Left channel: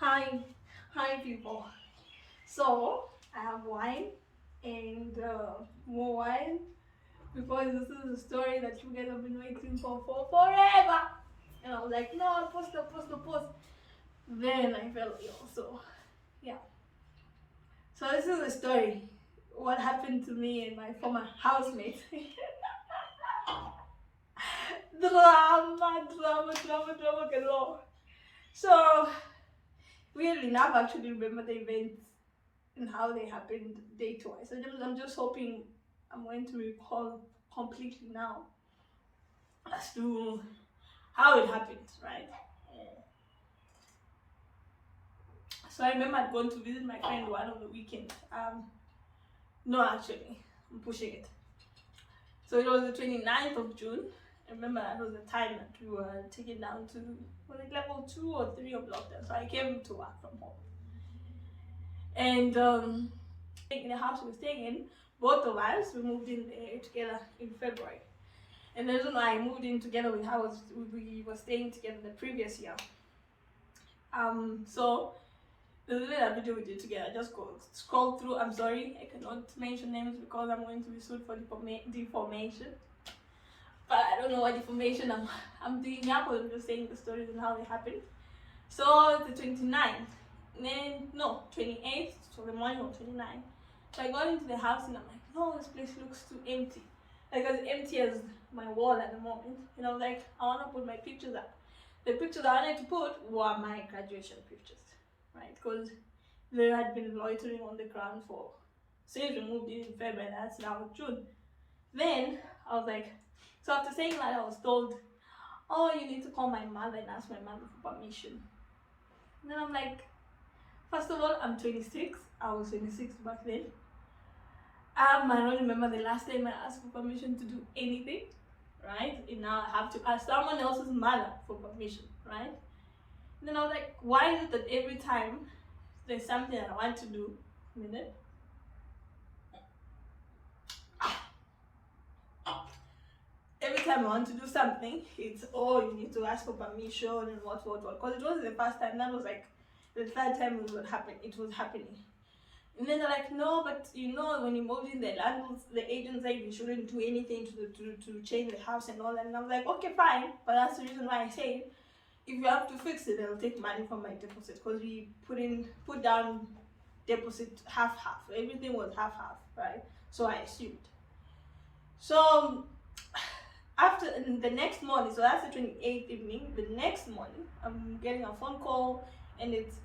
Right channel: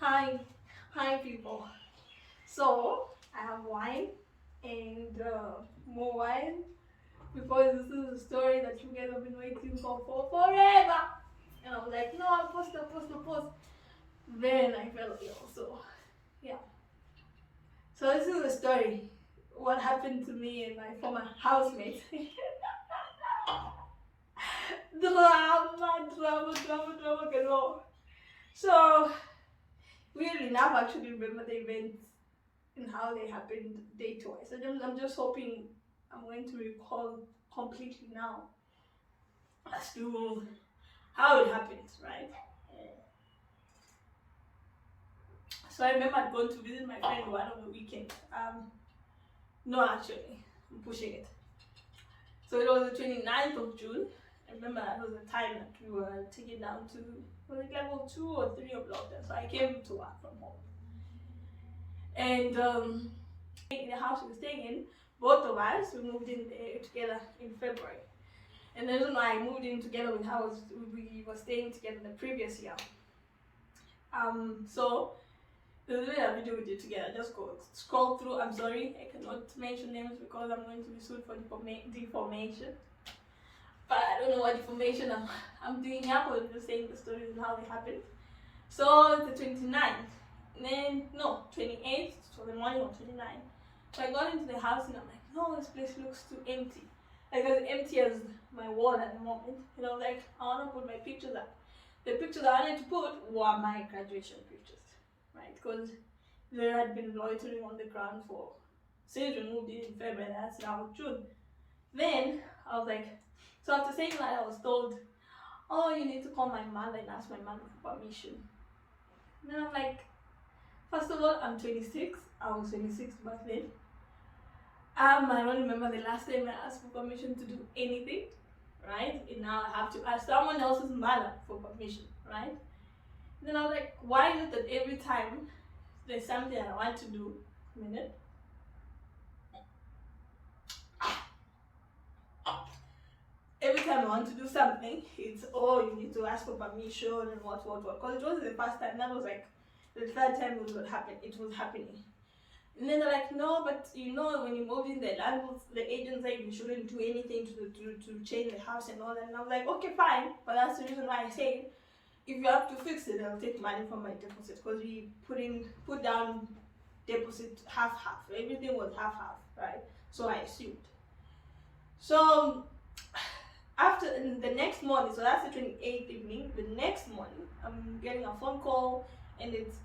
Hi, hi people. So I have wine and more wine because this is a story that you guys have been waiting for forever. And I was like, no, I'll post. Then I fell ill. So yeah. So this is the story. What happened to me and my former housemate. Drama galore. So weirdly enough, I actually remember the events and how they happened date-wise. I'm just hoping I'm going to recall completely now as to how it happened, right? So I remember I'd gone to visit my friend one of the weekend. No, actually, I'm pushing it. So it was the 29th of June. I remember that was the time that we were taken down to, was it level 2 or 3 of lockdown? So I came to work from home. And in the house we were staying in, both of us, we moved in there together in February. And the reason why I moved in together with her was we were staying together the previous year. So the little video we did together, just go scroll through. I'm sorry, I cannot mention names because I'm going to be sued for defamation. But I don't know what defamation I'm doing here, but I'm just saying the stories and how they happened. So the 29th, then no, 28th, so the morning of 29th. So I got into the house and I'm like, no, this place looks too empty. Like as empty as my wall at the moment. And I was like, I want to put my pictures up. The pictures I wanted to put were my graduation pictures, right? Because there had been loitering on the ground for since we moved in February, that's now June. Then I was like, so after saying that, I was told, oh, you need to call my mother and ask my mother for permission. And then I'm like, first of all, I'm 26. I was 26 back then. I don't remember the last time I asked for permission to do anything, right? And now I have to ask someone else's mother for permission, right? And then I was like, why is it that every time there's something that I want to do, every time I want to do something, it's, oh, you need to ask for permission and what. Because it wasn't the first time, that was like the third time it was happening. And then they're like, no, but you know, when you moved in, the landlords, the agent said you shouldn't do anything to change the house and all that. And I was like, okay, fine. But that's the reason why I said, if you have to fix it, I'll take money from my deposit. Because we put down deposit half. Everything was half, right? So I assumed. So after the next morning, so that's the 28th evening, the next morning, I'm getting a phone call and it's,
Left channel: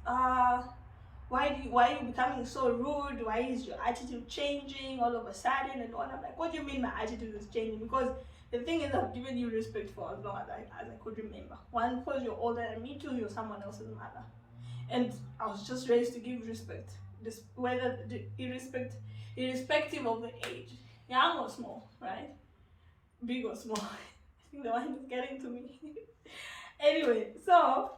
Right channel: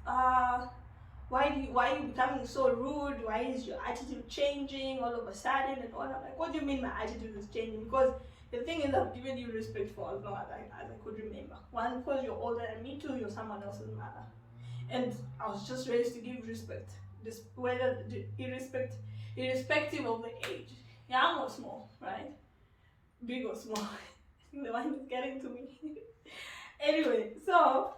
why are you becoming so rude? Why is your attitude changing all of a sudden and all? I'm like, what do you mean my attitude is changing? Because the thing is, I've given you respect for as long as I could remember. One, because you're older than me. Two, you're someone else's mother. And I was just raised to give respect, irrespective of the age, young or small, right? Big or small. I think the one is getting to me. Anyway, so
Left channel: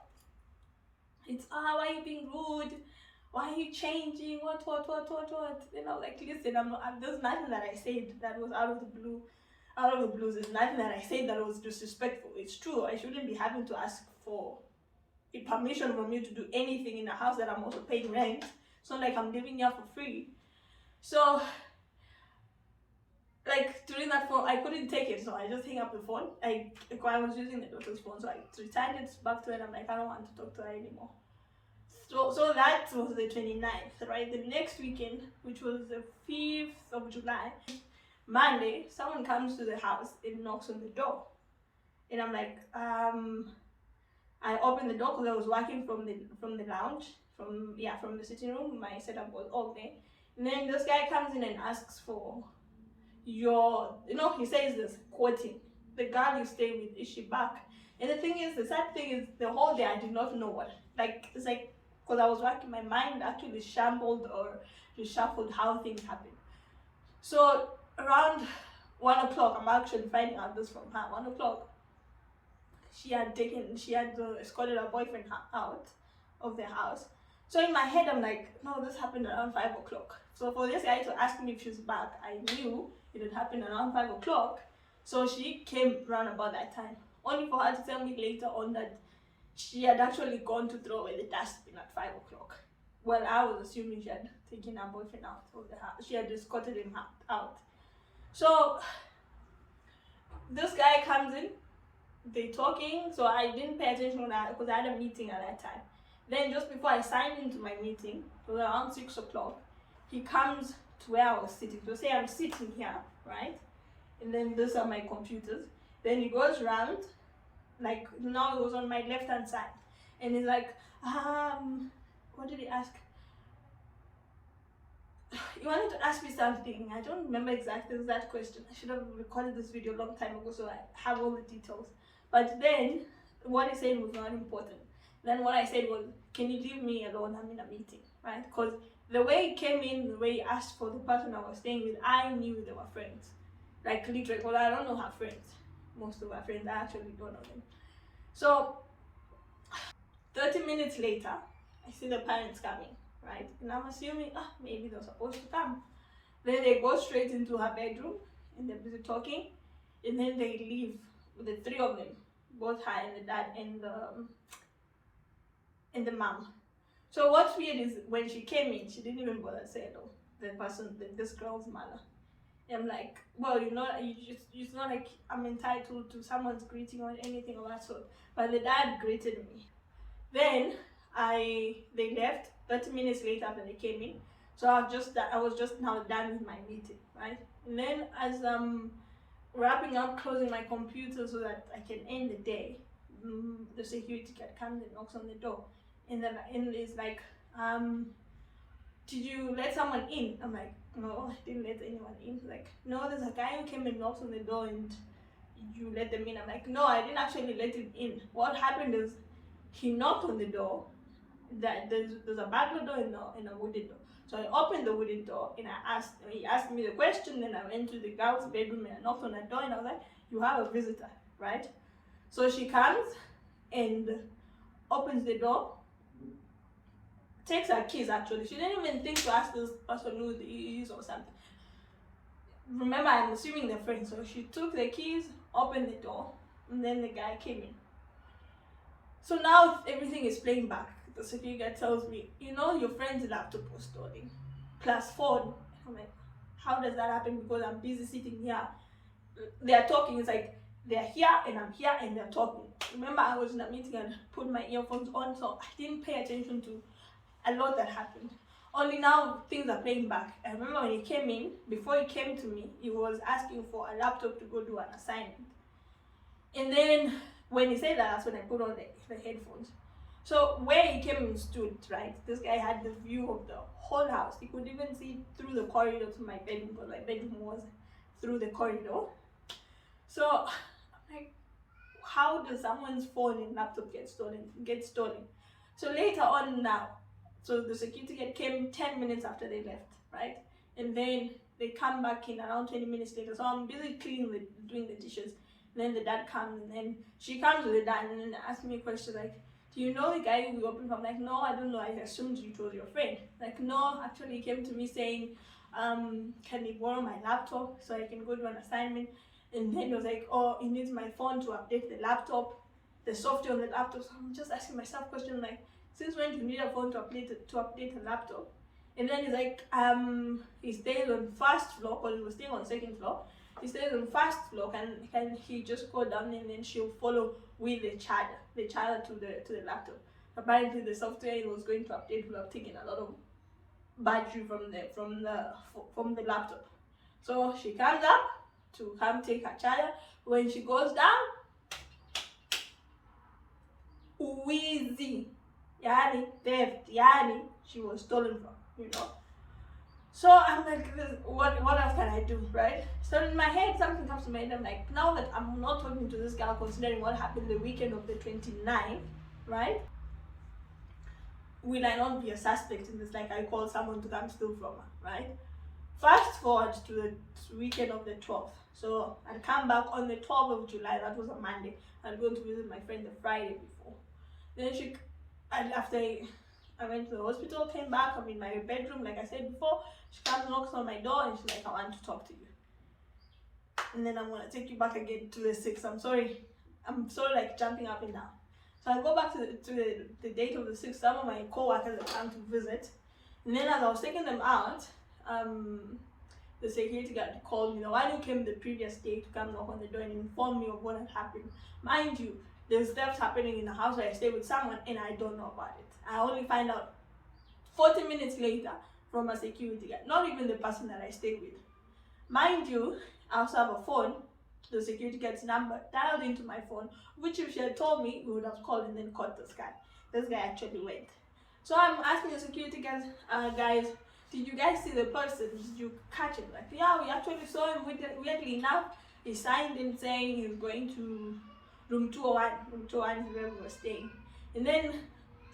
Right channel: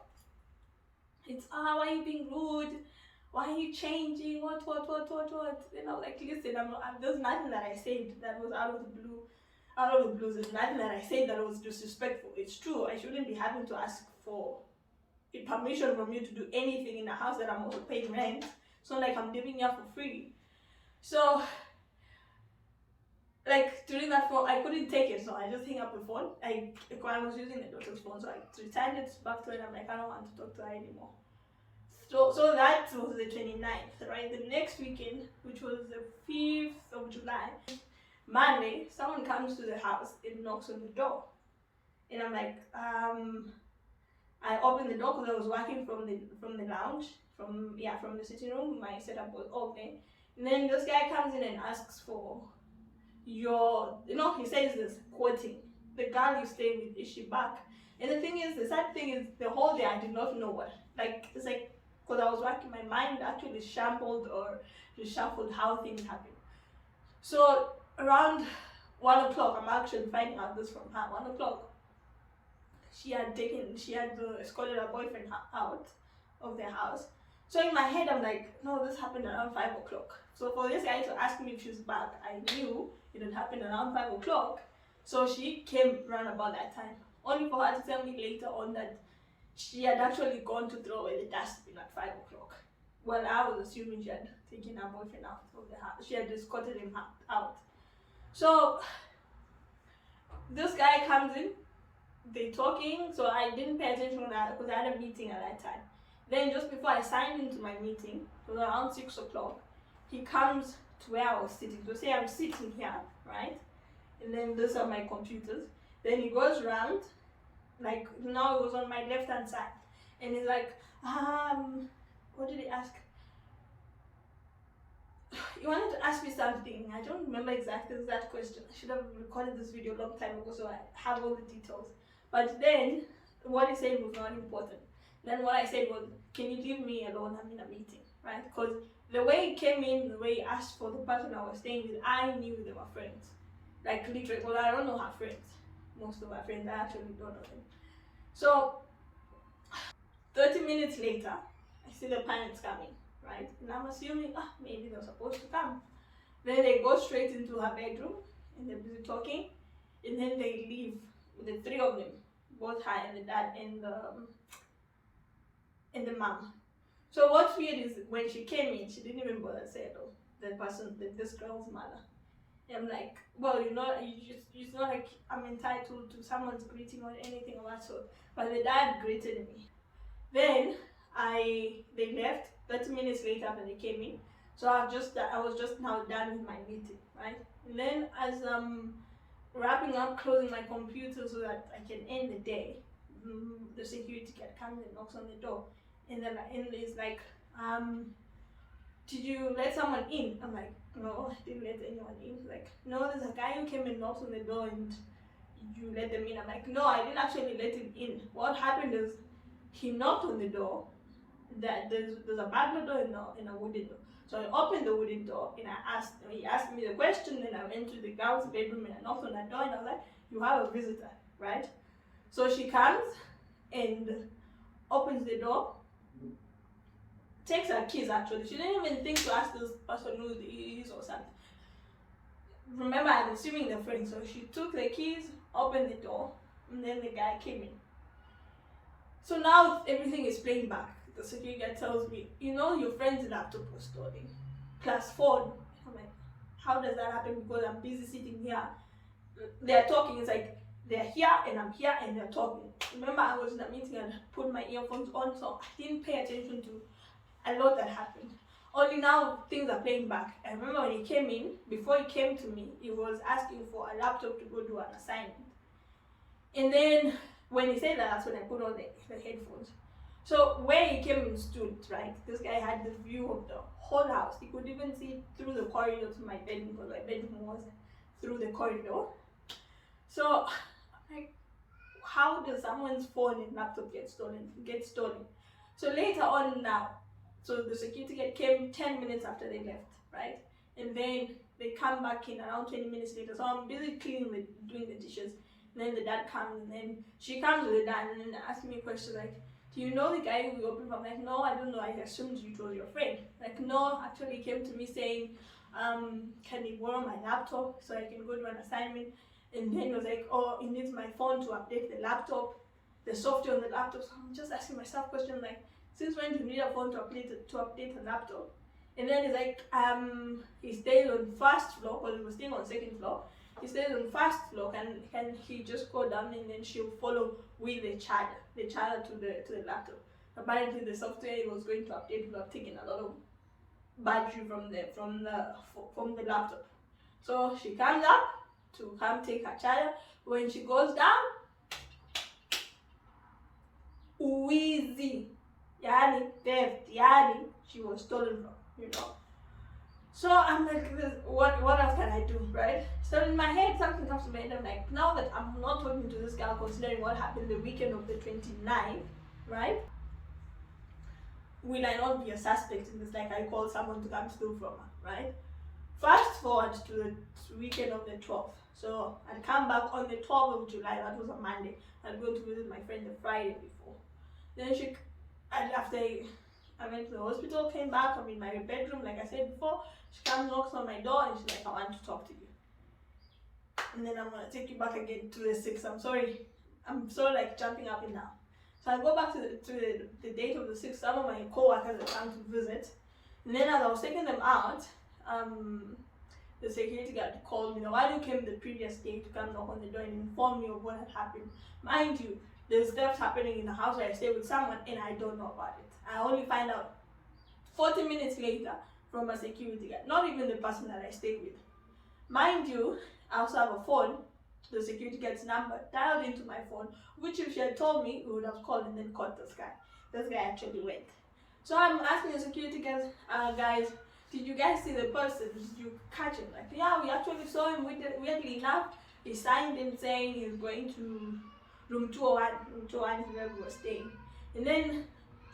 it's, why are you being rude? Why are you changing? What? Then I was like, listen, there's nothing that I said that was out of the blue. There's nothing that I said that was disrespectful. It's true. I shouldn't be having to ask for permission from you to do anything in a house that I'm also paying rent. It's not like I'm living here for free. So, like, during that phone, I couldn't take it, so I just hung up the phone. I was using the daughter's phone, so I returned it back to her, and I'm like, I don't want to talk to her anymore. So that was the 29th, right? The next weekend, which was the 5th of July, Monday, someone comes to the house and knocks on the door. And I'm like, I opened the door because I was working from the lounge, from the sitting room. My setup was open. And then this guy comes in and asks for he says this, quoting, the girl you stay with, is she back? And the sad thing is, the whole day I did not know what. It's like, because I was working, my mind actually shambled or reshuffled how things happened. So around 1 o'clock, I'm actually finding out this from her. 1 o'clock, she had escorted her boyfriend out of their house. So in my head, I'm like, no, this happened around 5 o'clock. So for this guy to ask me if she's back, I knew it had happened around 5 o'clock. So she came around about that time, only for her to tell me later on that she had actually gone to throw away the dustbin at 5 o'clock. Well, I was assuming she had taken her boyfriend out of the house. She had escorted him out. So this guy comes in, they talking, so I didn't pay attention because I had a meeting at that time. Then just before I signed into my meeting, it was around 6 o'clock, he comes to where I was sitting. So say I'm sitting here, right? And then these are my computers. Then he goes around, like now it was on my left hand side. And he's like, what did he ask? He wanted to ask me something. I don't remember exactly that question. I should have recorded this video a long time ago so I have all the details. But then what he said was not important. Then what I said was, can you leave me alone? I'm in a meeting, right? Because the way he came in, the way he asked for the person I was staying with, I knew they were friends. Like literally, well, I don't know her friends. Most of her friends, I actually don't know them. So 30 minutes later, I see the parents coming, right? And I'm assuming, maybe they're supposed to come. Then they go straight into her bedroom and they're busy talking. And then they leave, the three of them, both her and the dad and the mom. So what's weird is when she came in, she didn't even bother to say hello. This girl's mother. And I'm like, well, it's not like I'm entitled to someone's greeting or anything of that sort. But the dad greeted me. Then they left 30 minutes later after they came in. So I was just now done with my meeting, right? And then as I'm wrapping up, closing my computer so that I can end the day, the security guard comes and knocks on the door. And then it's like, did you let someone in? I'm like, no, I didn't let anyone in. Like, no, there's a guy who came and knocked on the door and you let them in. I'm like, no, I didn't actually let him in. What happened is he knocked on the door. That there's a burglar door and a wooden door. So I opened the wooden door and he asked me the question. Then I went to the girl's bedroom and I knocked on that door and I was like, you have a visitor, right? So she comes and opens the door, takes her keys actually. She didn't even think to ask this person who he is or something. Remember, I'm assuming they're friends. So she took the keys, opened the door, and then the guy came in. So now everything is playing back. The security guard tells me, your friend's laptop was stolen, plus phone. I'm like, how does that happen? Because I'm busy sitting here. They're talking. It's like they're here and I'm here and they're talking. Remember, I was in a meeting and put my earphones on, so I didn't pay attention to a lot that happened. Only now things are playing back. I remember when he came in, before he came to me, he was asking for a laptop to go do an assignment. And then when he said that, that's when I put on the headphones. So where he came and stood, right, this guy had the view of the whole house. He could even see through the corridor to my bedroom because my bedroom was through the corridor. So like, how does someone's phone and laptop get stolen? So later on now, so the security guard came 10 minutes after they left, right? And then they come back in around 20 minutes later. So I'm busy doing the dishes. And then the dad comes and then she comes with the dad and then asks me questions like, do you know the guy who we opened from? Like, no, I don't know. I assumed it was your friend. Like, no, actually he came to me saying, can you borrow my laptop so I can go do an assignment? And then he was like, oh, he needs my phone to update the laptop, the software on the laptop. So I'm just asking myself questions like, since when do you need a phone to update a laptop? And then he's like, he stays on first floor because we were staying on second floor. He stays on first floor. Can he just go down and then she'll follow with the charger to the laptop? Apparently the software it was going to update would have taken a lot of battery from the laptop. So she comes up to come take her charger. When she goes down, wheezy, yani theft, yani she was stolen from, So I'm like, what else can I do, right? So in my head, something comes to my head. I'm like, now that I'm not talking to this girl, considering what happened the weekend of the 29th, right? Will I not be a suspect in this? Like I called someone to come steal from her, right? Fast forward to the weekend of the 12th. So I'd come back on the 12th of July. That was a Monday. I'd go to visit my friend the Friday before. Then after I went to the hospital, came back, I'm in my bedroom, like I said before. She comes, knocks on my door, and she's like, I want to talk to you. And then I'm going to take you back again to the 6th. I'm sorry. I'm sort of like jumping up and down. So So I go back to the date of the 6th. Some of my co-workers have come to visit. And then as I was taking them out, the security guard called me. The one who came the previous day to come knock on the door and inform me of what had happened. Mind you, there's theft happening in the house where I stay with someone and I don't know about it. I only find out 40 minutes later from a security guard, not even the person that I stay with. Mind you, I also have a phone, the security guard's number dialed into my phone, which if she had told me, we would have called and then caught this guy. This guy actually went. So I'm asking the security guards, guys, did you guys see the person? Did you catch him? Like, yeah, we actually saw him. Weirdly enough, he signed in saying he was going to room 201. Room 201 is where we were staying. And then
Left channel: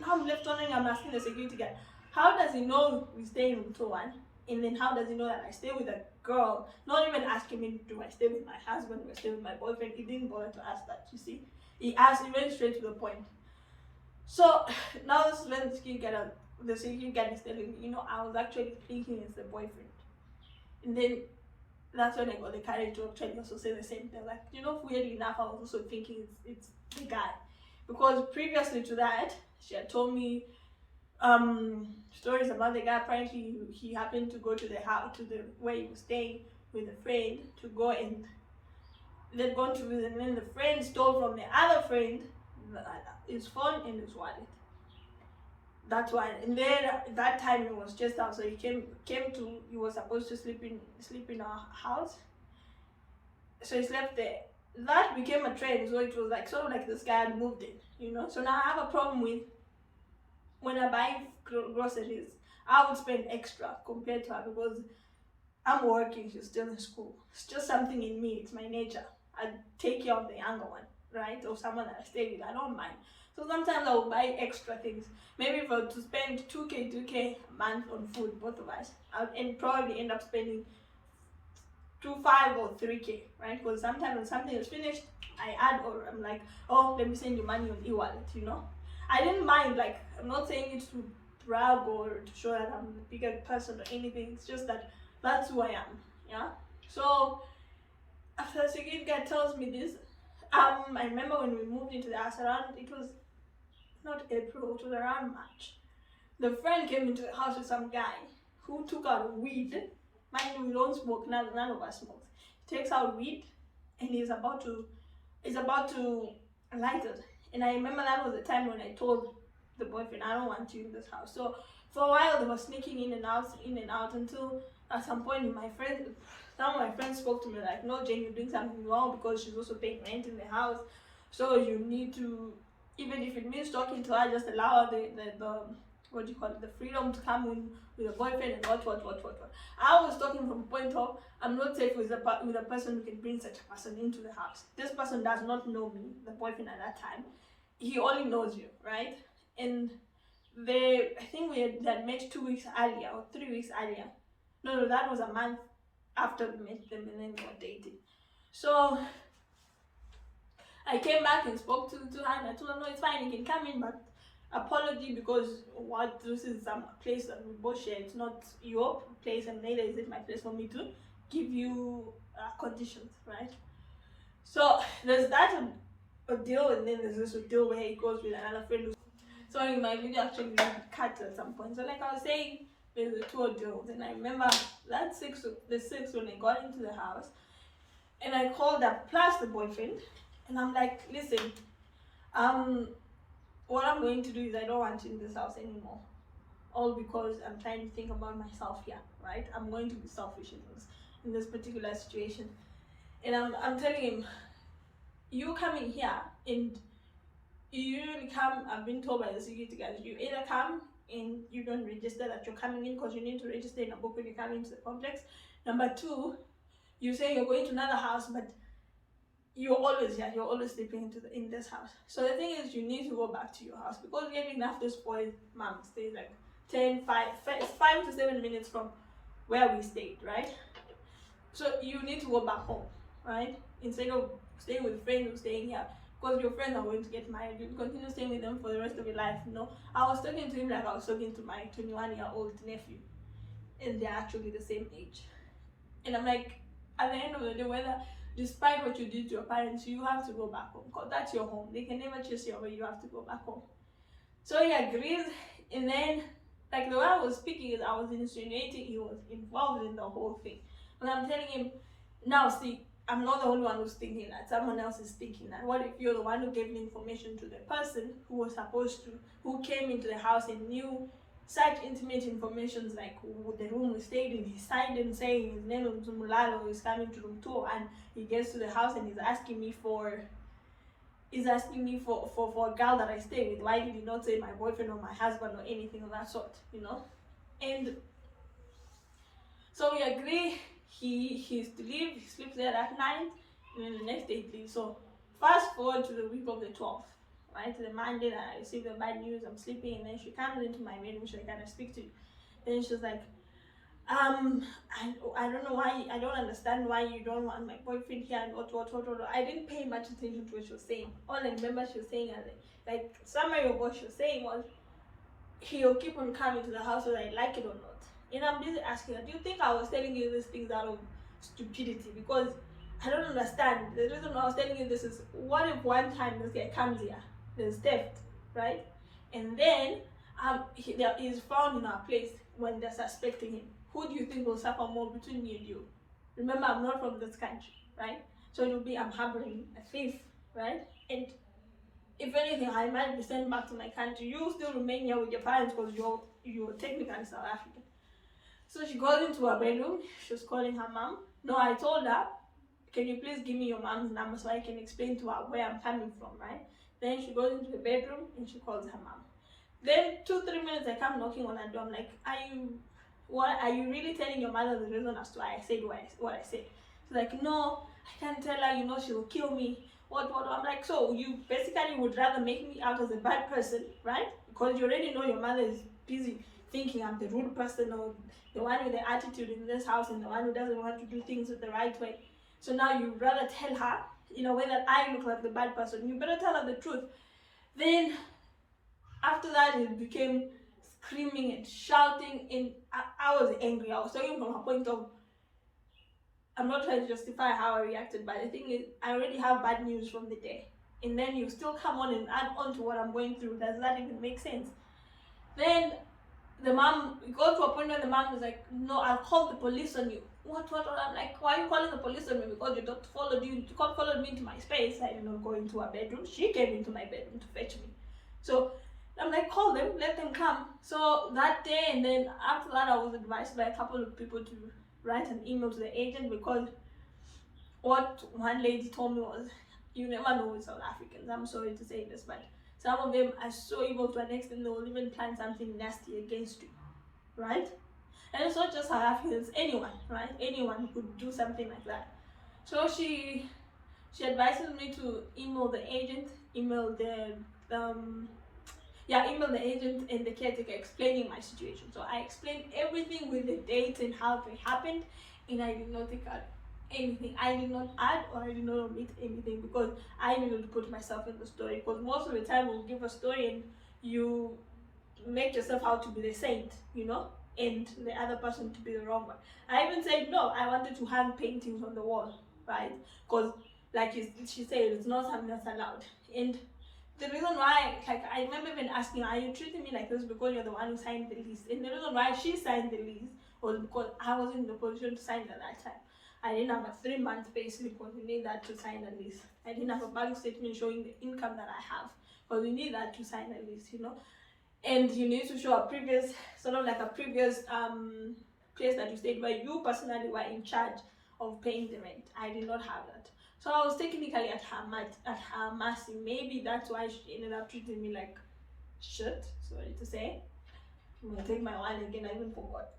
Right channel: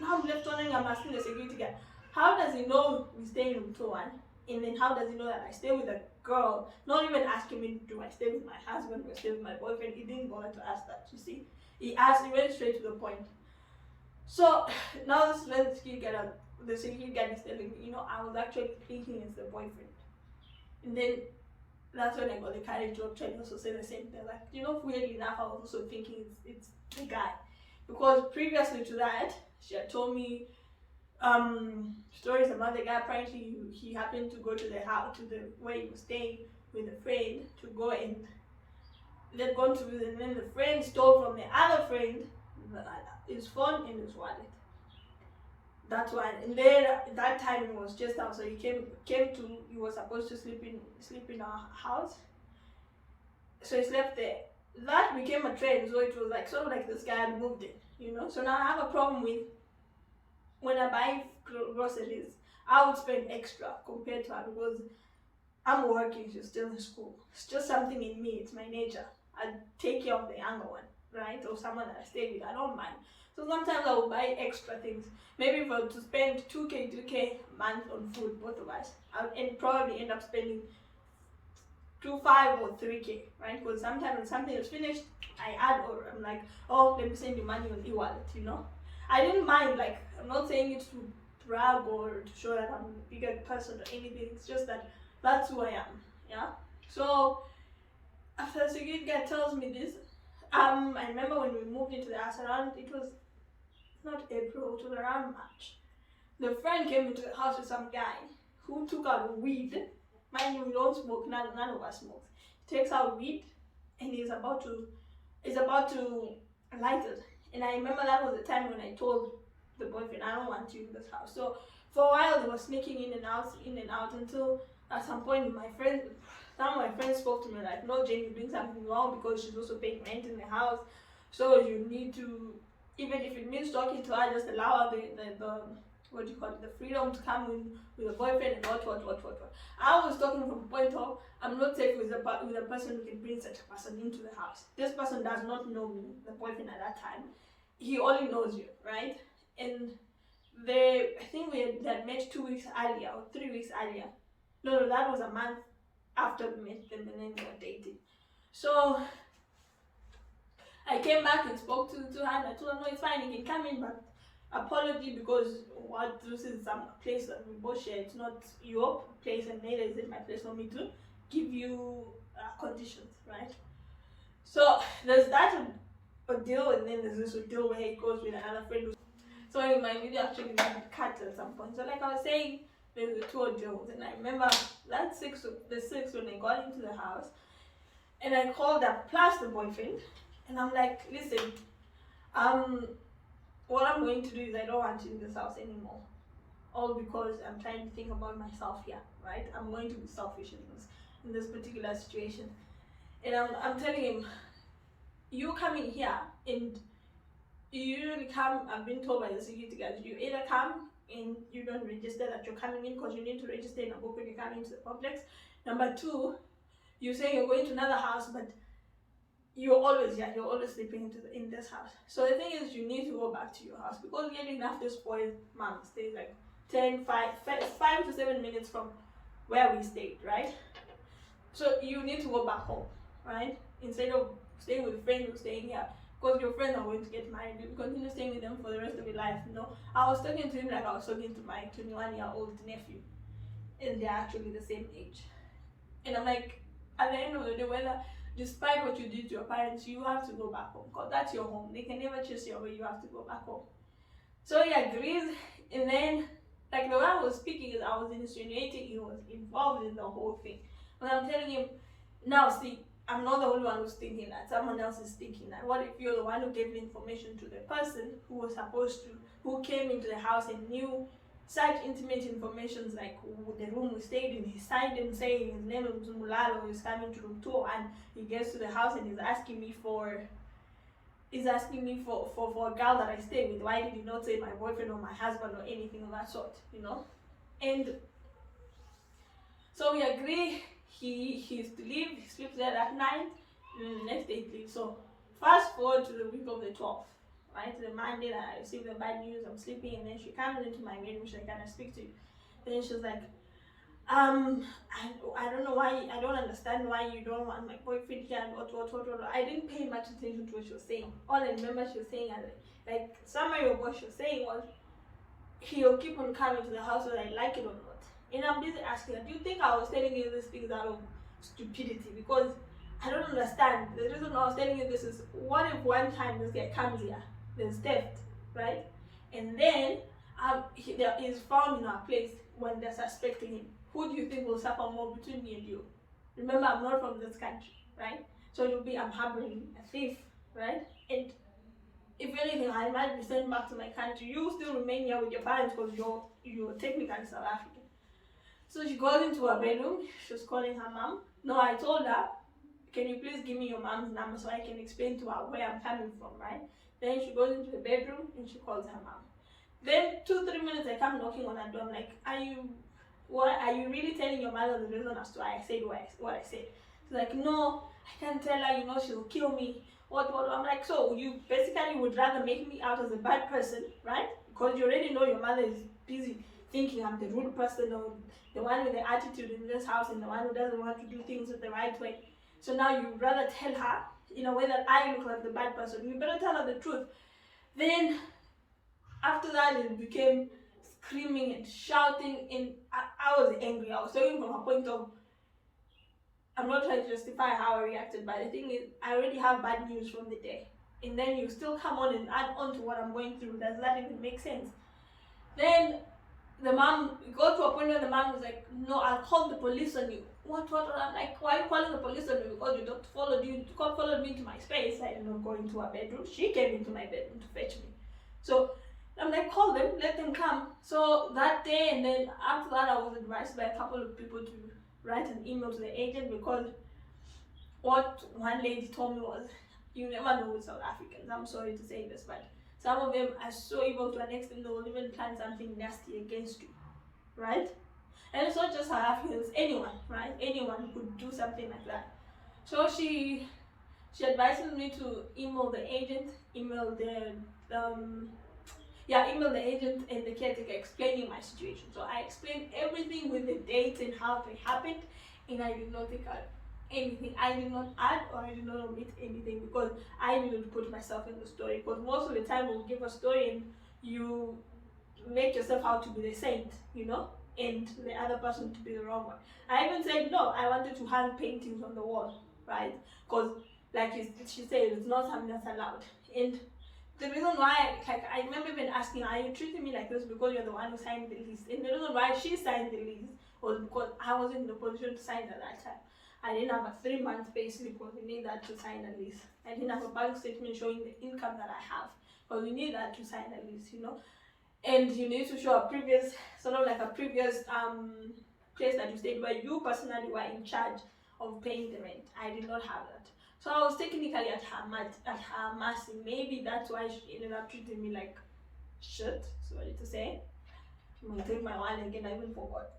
now I'm left wondering, I'm asking the security guard, how does he know we stay in room 201? And then how does he know that I stay with a girl? Not even asking me, do I stay with my husband, do I stay with my boyfriend? He didn't bother to ask that, you see. He went straight to the point. So now this is when the security guard is telling me, I was actually thinking it's the boyfriend. And then that's when I got the courage to actually also say the same thing. Like, weirdly enough, I was also thinking it's the guy. Because previously to that, she had told me stories about the guy. Apparently he happened to go to the house, to the where he was staying with a friend to go, and they'd gone to visit, and then the friend stole from the other friend his phone and his wallet. That's why. And then that time it was just out, so he he was supposed to sleep in our house, so he slept there. That became a trend, so it was like sort of like this guy had moved in, so now I have a problem with when I buy groceries. I would spend extra compared to her because I'm working, she's still in school. It's just something in me, it's my nature. I take care of the younger one, right? Or someone that I stay with, I don't mind. So sometimes I will buy extra things. Maybe to spend 2K, 3K a month on food, both of us. I'll probably end up spending 5 or 3K, right? Because sometimes when something is finished, I add, or I'm like, oh, let me send you money on e-wallet, I didn't mind, like, I'm not saying it to brag or to show that I'm a bigger person or anything. It's just that that's who I am, yeah? So after the security guard tells me this, I remember when we moved into the house it was not April, it was around March. The friend came into the house with some guy who took out weed. Mind you, we don't smoke, none of us smokes. He takes out weed and he's about to light it. And I remember that was the time when I told the boyfriend, I don't want you in this house. So for a while they were sneaking in and out until at some point some of my friends spoke to me like, no, Jane, you're doing something wrong because she's also paying rent in the house. So you need to, even if it means talking to her, just allow her the freedom to come in with a boyfriend and what. I was talking from a point of, I'm not safe with a person who can bring such a person into the house. This person does not know me, the boyfriend at that time. He only knows you, right? And I think we had met 2 weeks earlier or 3 weeks earlier. No, that was a month after we met them and then we were dating. So I came back and spoke to her and I told her, no, it's fine, you can come in, but apology because this is some place that we both share. It's not your place and neither is it my place for me to give you conditions, right? So there's that a deal, and then there's this deal where he goes with another friend. So in my video actually cut at some point. So like I was saying, there's the 2 deals, and I remember that the 6th when I got into the house and I called up plus the boyfriend and I'm like, listen, what I'm going to do is I don't want you in this house anymore. All because I'm trying to think about myself here, right? I'm going to be selfish in this particular situation. And I'm telling him, you coming here and you usually come, I've been told by the security guards, you either come and you don't register that you're coming in because you need to register in a book when you come into the complex. Number 2, you say you're going to another house, but you're always here, you're always sleeping in this house. So the thing is, you need to go back to your house because getting enough this boy's mom stays like 5 to 7 minutes from where we stayed, right? So you need to go back home, right? Instead of staying with friends who's staying here, because your friends are going to get married, you continue staying with them for the rest of your life. I was talking to him like I was talking to my 21-year-old nephew, and they're actually the same age. And I'm like, at the end of the day, whether despite what you did to your parents, you have to go back home because that's your home. They can never chase you away. You have to go back home. So he agrees, and then like the way I was speaking is I was insinuating he was involved in the whole thing. But I'm telling him, now see, I'm not the only one who's thinking that. Someone else is thinking that. What if you're the one who gave the information to the person who was supposed to, who came into the house and knew such intimate information like the room we stayed in? He signed and saying his name is Mulalo, is coming to room 2, and he gets to the house and he's asking me for a girl that I stay with. Why did he not say my boyfriend or my husband or anything of that sort, you know? And so we agree he's to leave, he sleeps there that night, and then the next day he leaves. So fast forward to the week of the 12th, right? The Monday that I received the bad news, I'm sleeping, and then she comes into my bedroom, she's like, can I speak to you? Then she's like, I don't know why, I don't understand why you don't want my boyfriend here, and what. I didn't pay much attention to what she was saying. All I remember she was saying, and like summary of what she was saying was, he'll keep on coming to the house whether I like it or not. And I'm busy asking her, do you think I was telling you these things out of stupidity? Because I don't understand. The reason I was telling you this is, what if one time this guy comes here, there's theft, right? And then he is found in our place when they're suspecting him. Who do you think will suffer more between me and you? Remember, I'm not from this country, right? So it'll be, I'm harboring a thief, right? And if anything, I might be sent back to my country. You still remain here with your parents because you're technically South African. So she goes into her bedroom. She was calling her mom. No, I told her, can you please give me your mom's number so I can explain to her where I'm coming from, right? Then she goes into the bedroom and she calls her mom. Then 2-3 minutes I come knocking on her door. I'm like, are you really telling your mother the reason as to why I said what I said? She's like, no, I can't tell her, you know, she'll kill me. What? I'm like, so you basically would rather make me out as a bad person, right? Because you already know your mother is busy thinking I'm the rude person or the one with the attitude in this house and the one who doesn't want to do things the right way. So now you'd rather tell her in a way that I look like the bad person. You better tell her the truth. Then after that, it became screaming and shouting, and I was angry. I was talking from a point of, I'm not trying to justify how I reacted, but the thing is, I already have bad news from the day, and then you still come on and add on to what I'm going through. Does that even make sense? Then the mom got to a point where the mom was like, no, I'll call the police on you. What? I'm like, why are you calling the police on me? Because you followed me into my space. I did not go into her bedroom. She came into my bedroom to fetch me. So I'm like, call them, let them come. So that day, and then after that, I was advised by a couple of people to write an email to the agent, because what one lady told me was, you never know with South Africans. I'm sorry to say this, but some of them are so evil to an extent they will even plan something nasty against you, right? And it's not just South Africans, anyone, right? Anyone could do something like that. So she advises me to email the agent, email the agent and the caretaker explaining my situation. So I explained everything with the dates and how they happened, and I did not take out anything. I did not add or I did not omit anything, because I needed to put myself in the story. Because most of the time we'll give a story and you make yourself out to be the saint, you know, and the other person to be the wrong one. I even said no, I wanted to hang paintings on the wall, right? Because like she said, it's not something that's allowed. And the reason why, like, I remember even asking, are you treating me like this because you're the one who signed the lease? And the reason why she signed the lease was because I wasn't in the position to sign at that time. I didn't have a 3-month pay slip because we need that to sign a lease. I didn't have a bank statement showing the income that I have because we need that to sign a lease, you know. And you need to show a previous, sort of like a previous place that you stayed where you personally were in charge of paying the rent. I did not have that. So I was technically at her mercy. Maybe that's why she ended up treating me like shit, sorry to say. I'm gonna take my wine again, I even forgot.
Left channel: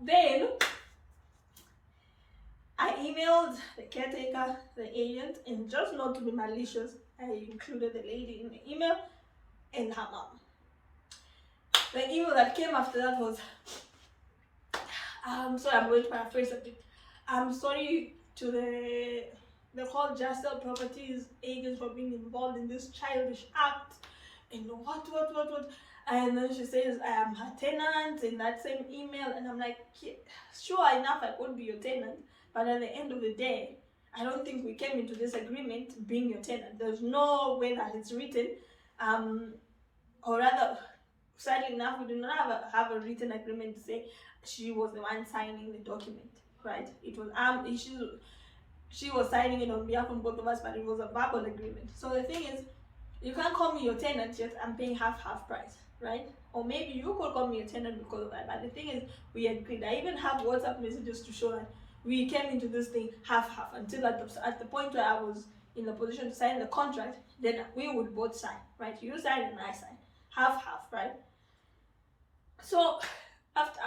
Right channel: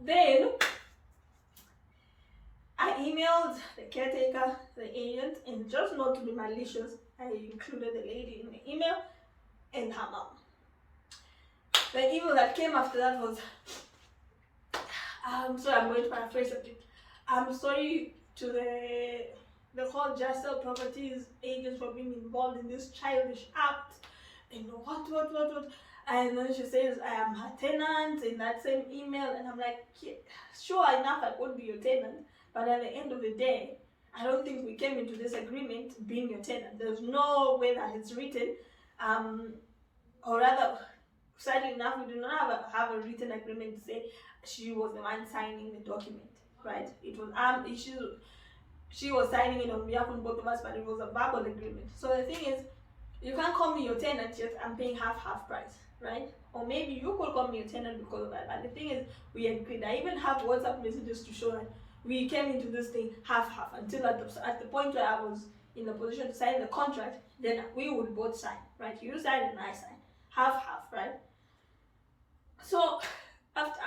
Then I emailed the caretaker, the agent, and just not to be malicious, I included the lady in the email and her mom. The email that came after that was, sorry, I'm going to paraphrase a bit. I'm sorry to the whole Just Sell Properties agents for being involved in this childish act, what? And then she says, I am her tenant in that same email. And I'm like, sure enough, I could be your tenant. But at the end of the day, I don't think we came into this agreement being your tenant. There's no way that it's written. Or rather, sadly enough, we do not have a written agreement to say she was the one signing the document, right? It was she was signing it on behalf of both of us, but it was a verbal agreement. So the thing is, you can't call me your tenant, yet I'm paying half price, right? Or maybe you could call me your tenant because of that. But the thing is, we agreed. I even have WhatsApp messages to show that we came into this thing half until at the point where I was in the position to sign the contract, then we would both sign, right? You sign and I sign, half, right? So after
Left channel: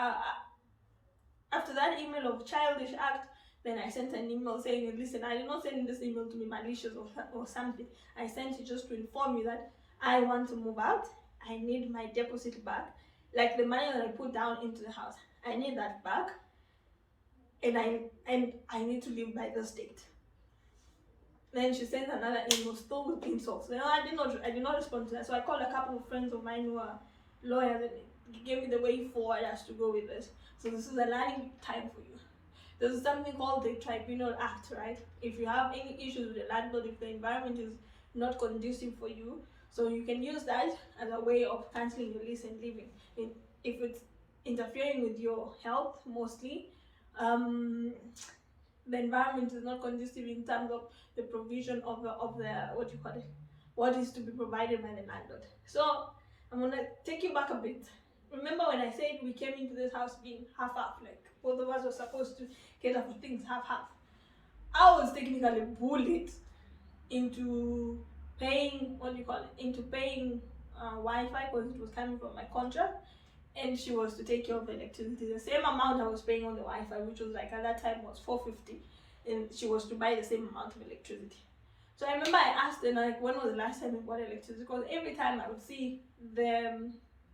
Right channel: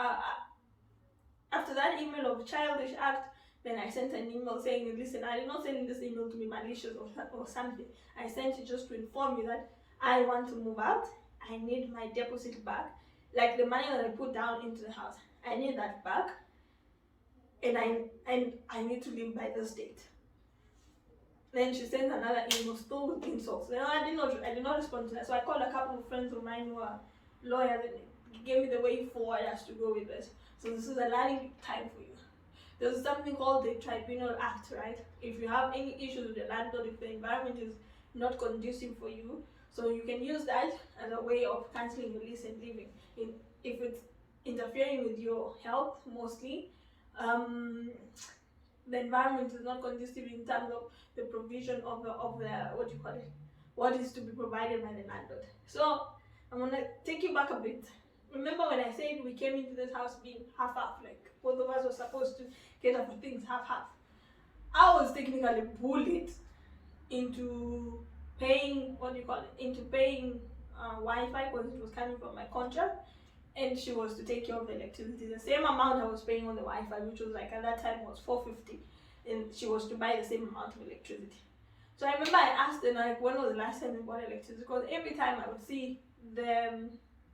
that email of childish act, then I sent an email saying, listen, I did not send this email to be malicious or something. I sent it just to inform you that I want to move out. I need my deposit back. Like the money that I put down into the house, I need that back. And I need to leave by this date. Then she sent another email still with insults. Then I did not respond to that. So I called a couple of friends of mine who are lawyers and gave me the way forward as to go with this. So this is a learning time for you. There's something called the Tribunal Act, right? If you have any issues with the landlord, if the environment is not conducive for you, so you can use that as a way of cancelling your lease and leaving. If it's interfering with your health mostly, the environment is not conducive in terms of the provision of the what is to be provided by the landlord. So I'm gonna take you back a bit. Remember when I said we came into this house being half, like both of us were supposed to cater for things half. I was technically bullied into paying Wi-Fi because it was coming from my contract, and she was to take care of the electricity. The same amount I was paying on the Wi-Fi, which was like at that time was $450, and she was to buy the same amount of electricity. So I remember I asked her, like, when was the last time we bought electricity? Because every time I would see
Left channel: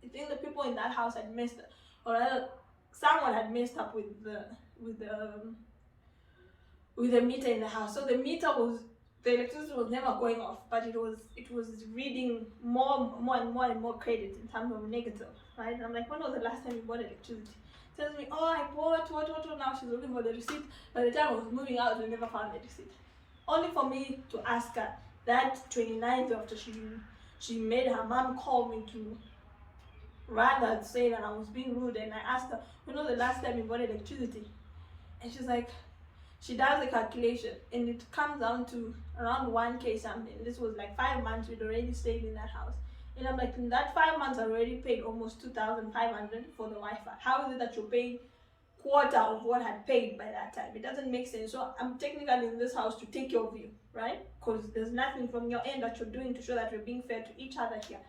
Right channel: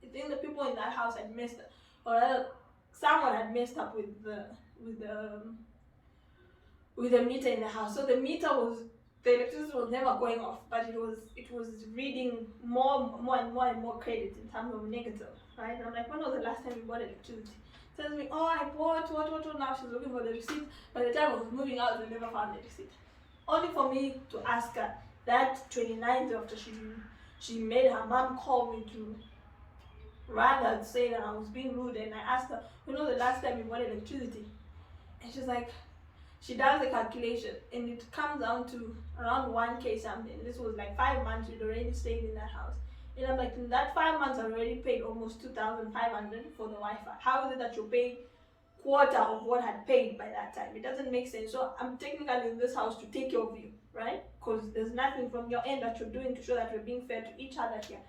I think the people in that house had messed up, or rather, someone had messed up with the meter in the house. So the electricity was never going off, but it was reading more and more credit in terms of negative, right? And I'm like, when was the last time you bought electricity? Tells me, oh, I bought what. Now she's looking for the receipt. By the time I was moving out, we never found the receipt. Only for me to ask her that 29th after she made her mom call me to rather say that I was being rude, and I asked her, when was the last time you bought electricity? And she's like, she does the calculation, and it comes down to around 1K something. This was like 5 months we'd already stayed in that house. And I'm like, in that 5 months I already paid almost 2,500 for the Wi-Fi. How is it that you're paying quarter of what I had paid by that time? It doesn't make sense. So I'm technically in this house to take care of you, right? Because there's nothing from your end that you're doing to show that we're being fair to each other here.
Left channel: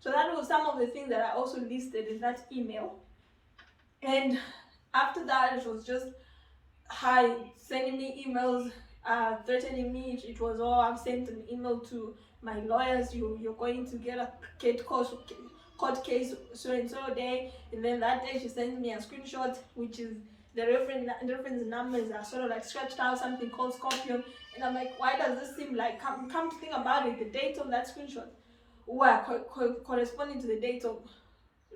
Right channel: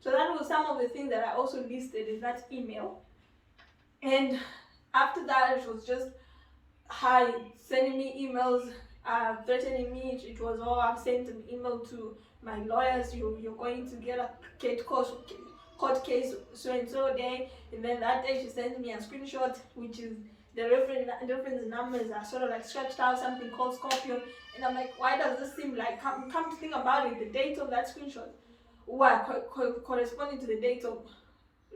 So that was some of the things that I also listed in that email. And after that, it was just her sending me emails, threatening me. It was, oh, I've sent an email to my lawyers, you're going to get a court case so and so day. And then that day she sends me a screenshot, which is the reference numbers are sort of like scratched out, something called Scorpion. And I'm like, why does this seem like, come to think about it, the date of that screenshot corresponding to the date of,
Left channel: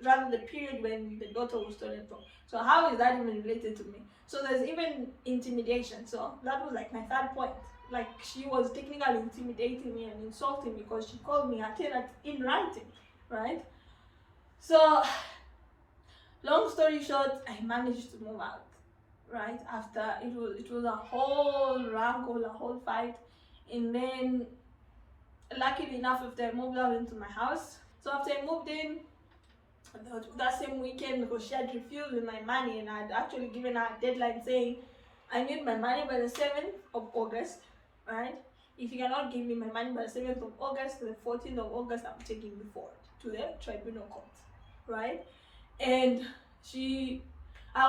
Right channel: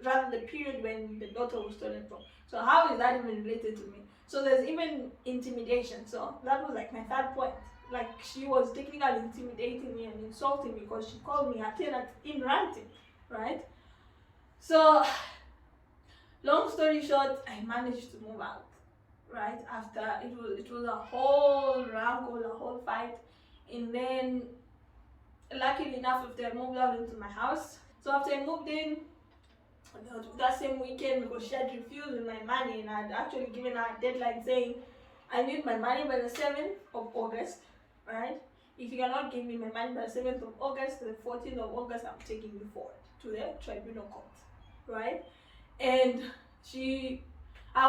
rather the period when the daughter was stolen from. So how is that even related to me? So there's even intimidation. So that was like my third point. Like, she was technically intimidating me and insulting me because she called me a tenant in writing, right? So long story short, I managed to move out, right? After it was a whole wrangle, a whole fight. And then luckily enough, after I moved out into my house, so after I moved in, that same weekend, because she had refused with my money, and I had actually given her a deadline saying, I need my money by the 7th of August, right? If you cannot give me my money by the 7th of August, the 14th of August, I'm taking you forward to the tribunal court, right? And I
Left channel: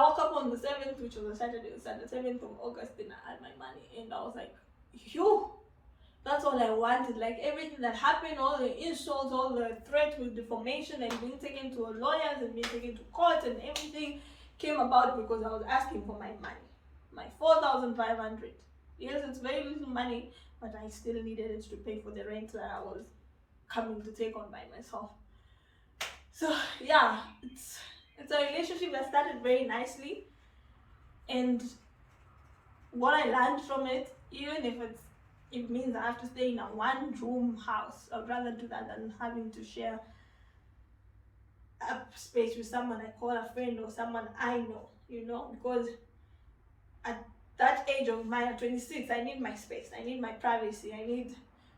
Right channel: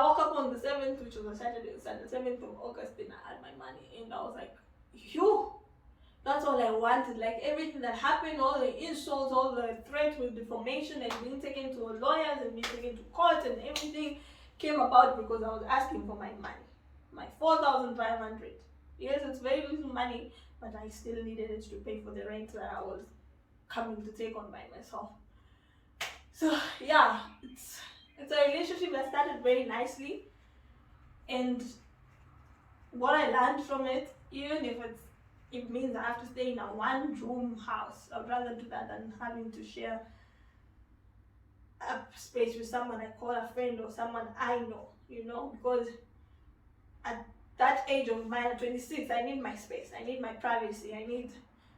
woke up on the 7th, which was a Saturday, the 7th of August, and I had my money, and I was like, phew. That's all I wanted. Like, everything that happened, all the insults, all the threats with defamation and being taken to lawyers and being taken to court and everything came about because I was asking for my money. My 4,500. Yes, it's very little money, but I still needed it to pay for the rent that I was coming to take on by myself. So yeah, it's a relationship that started very nicely, and what I learned from it, even if it means I have to stay in a one-room house, I'd rather do that than having to share a space with someone I call a friend or someone I know, because at that age of mine, at 26, I need my space, I need my privacy, I need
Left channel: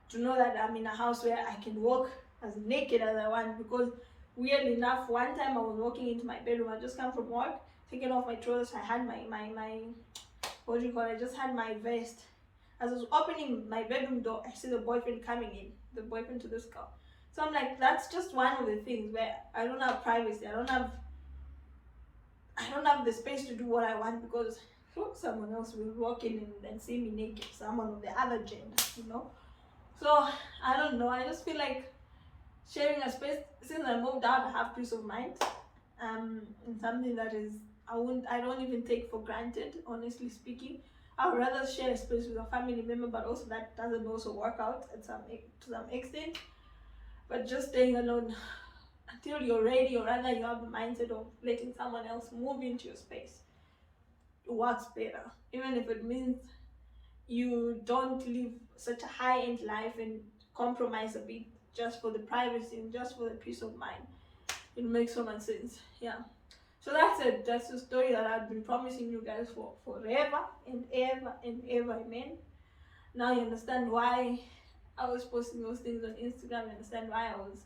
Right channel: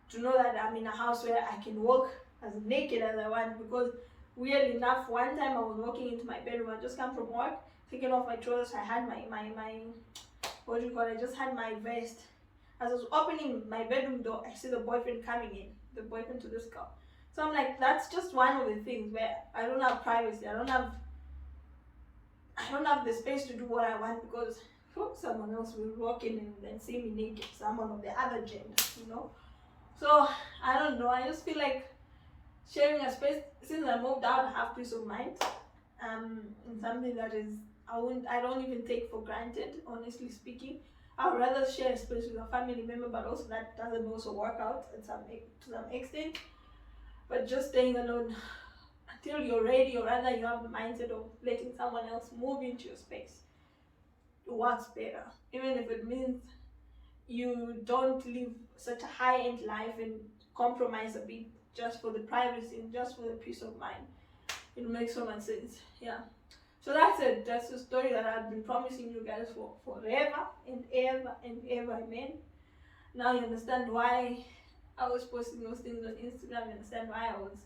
to know that I'm in a house where I can walk as naked as I want. Because weirdly enough, one time I was walking into my bedroom, I just come from work, taking off my trousers, I had my what do you call it, I just had my vest. As I was opening my bedroom door, I see the boyfriend coming in, the boyfriend to this girl. So I'm like, that's just one of the things where I don't have privacy, I don't have the space to do what I want, because someone else will walk in and see me naked, someone of the other gender. So I don't know, I just feel like sharing a space, since I moved out, I have peace of mind. And something that is, I don't even take for granted, honestly speaking. I would rather share a space with a family member, but also that doesn't also work out to some extent. But just staying alone until you're ready, or rather you have the mindset of letting someone else move into your space, works better. Even if it means you don't live such a high-end life and compromise a bit just for the privacy and just for the peace of mind. It makes so much sense. Yeah. So that's it. That's the story that I've been promising you guys for forever and ever and ever. Amen. Now you understand why I was posting those things on Instagram. You understand why I was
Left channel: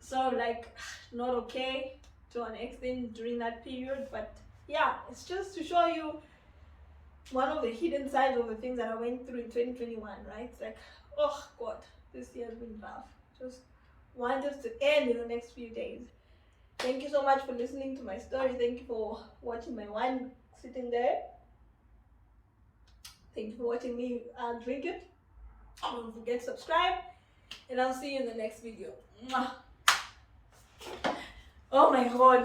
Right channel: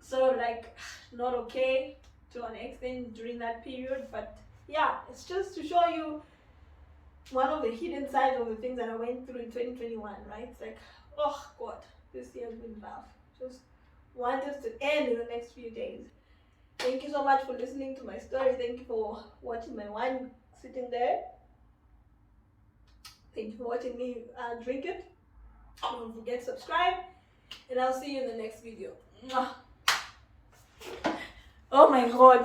so not okay to an extent during that period. But yeah, it's just to show you one of the hidden sides of the things that I went through in 2021, right? It's like, oh God, this year has been rough. Just want it to end in the next few days. Thank you so much for listening to my story. Thank you for watching my wine sitting there. Thank you for watching me drink it. Don't forget to subscribe, and I'll see you in the next video. Mwah. Oh my God.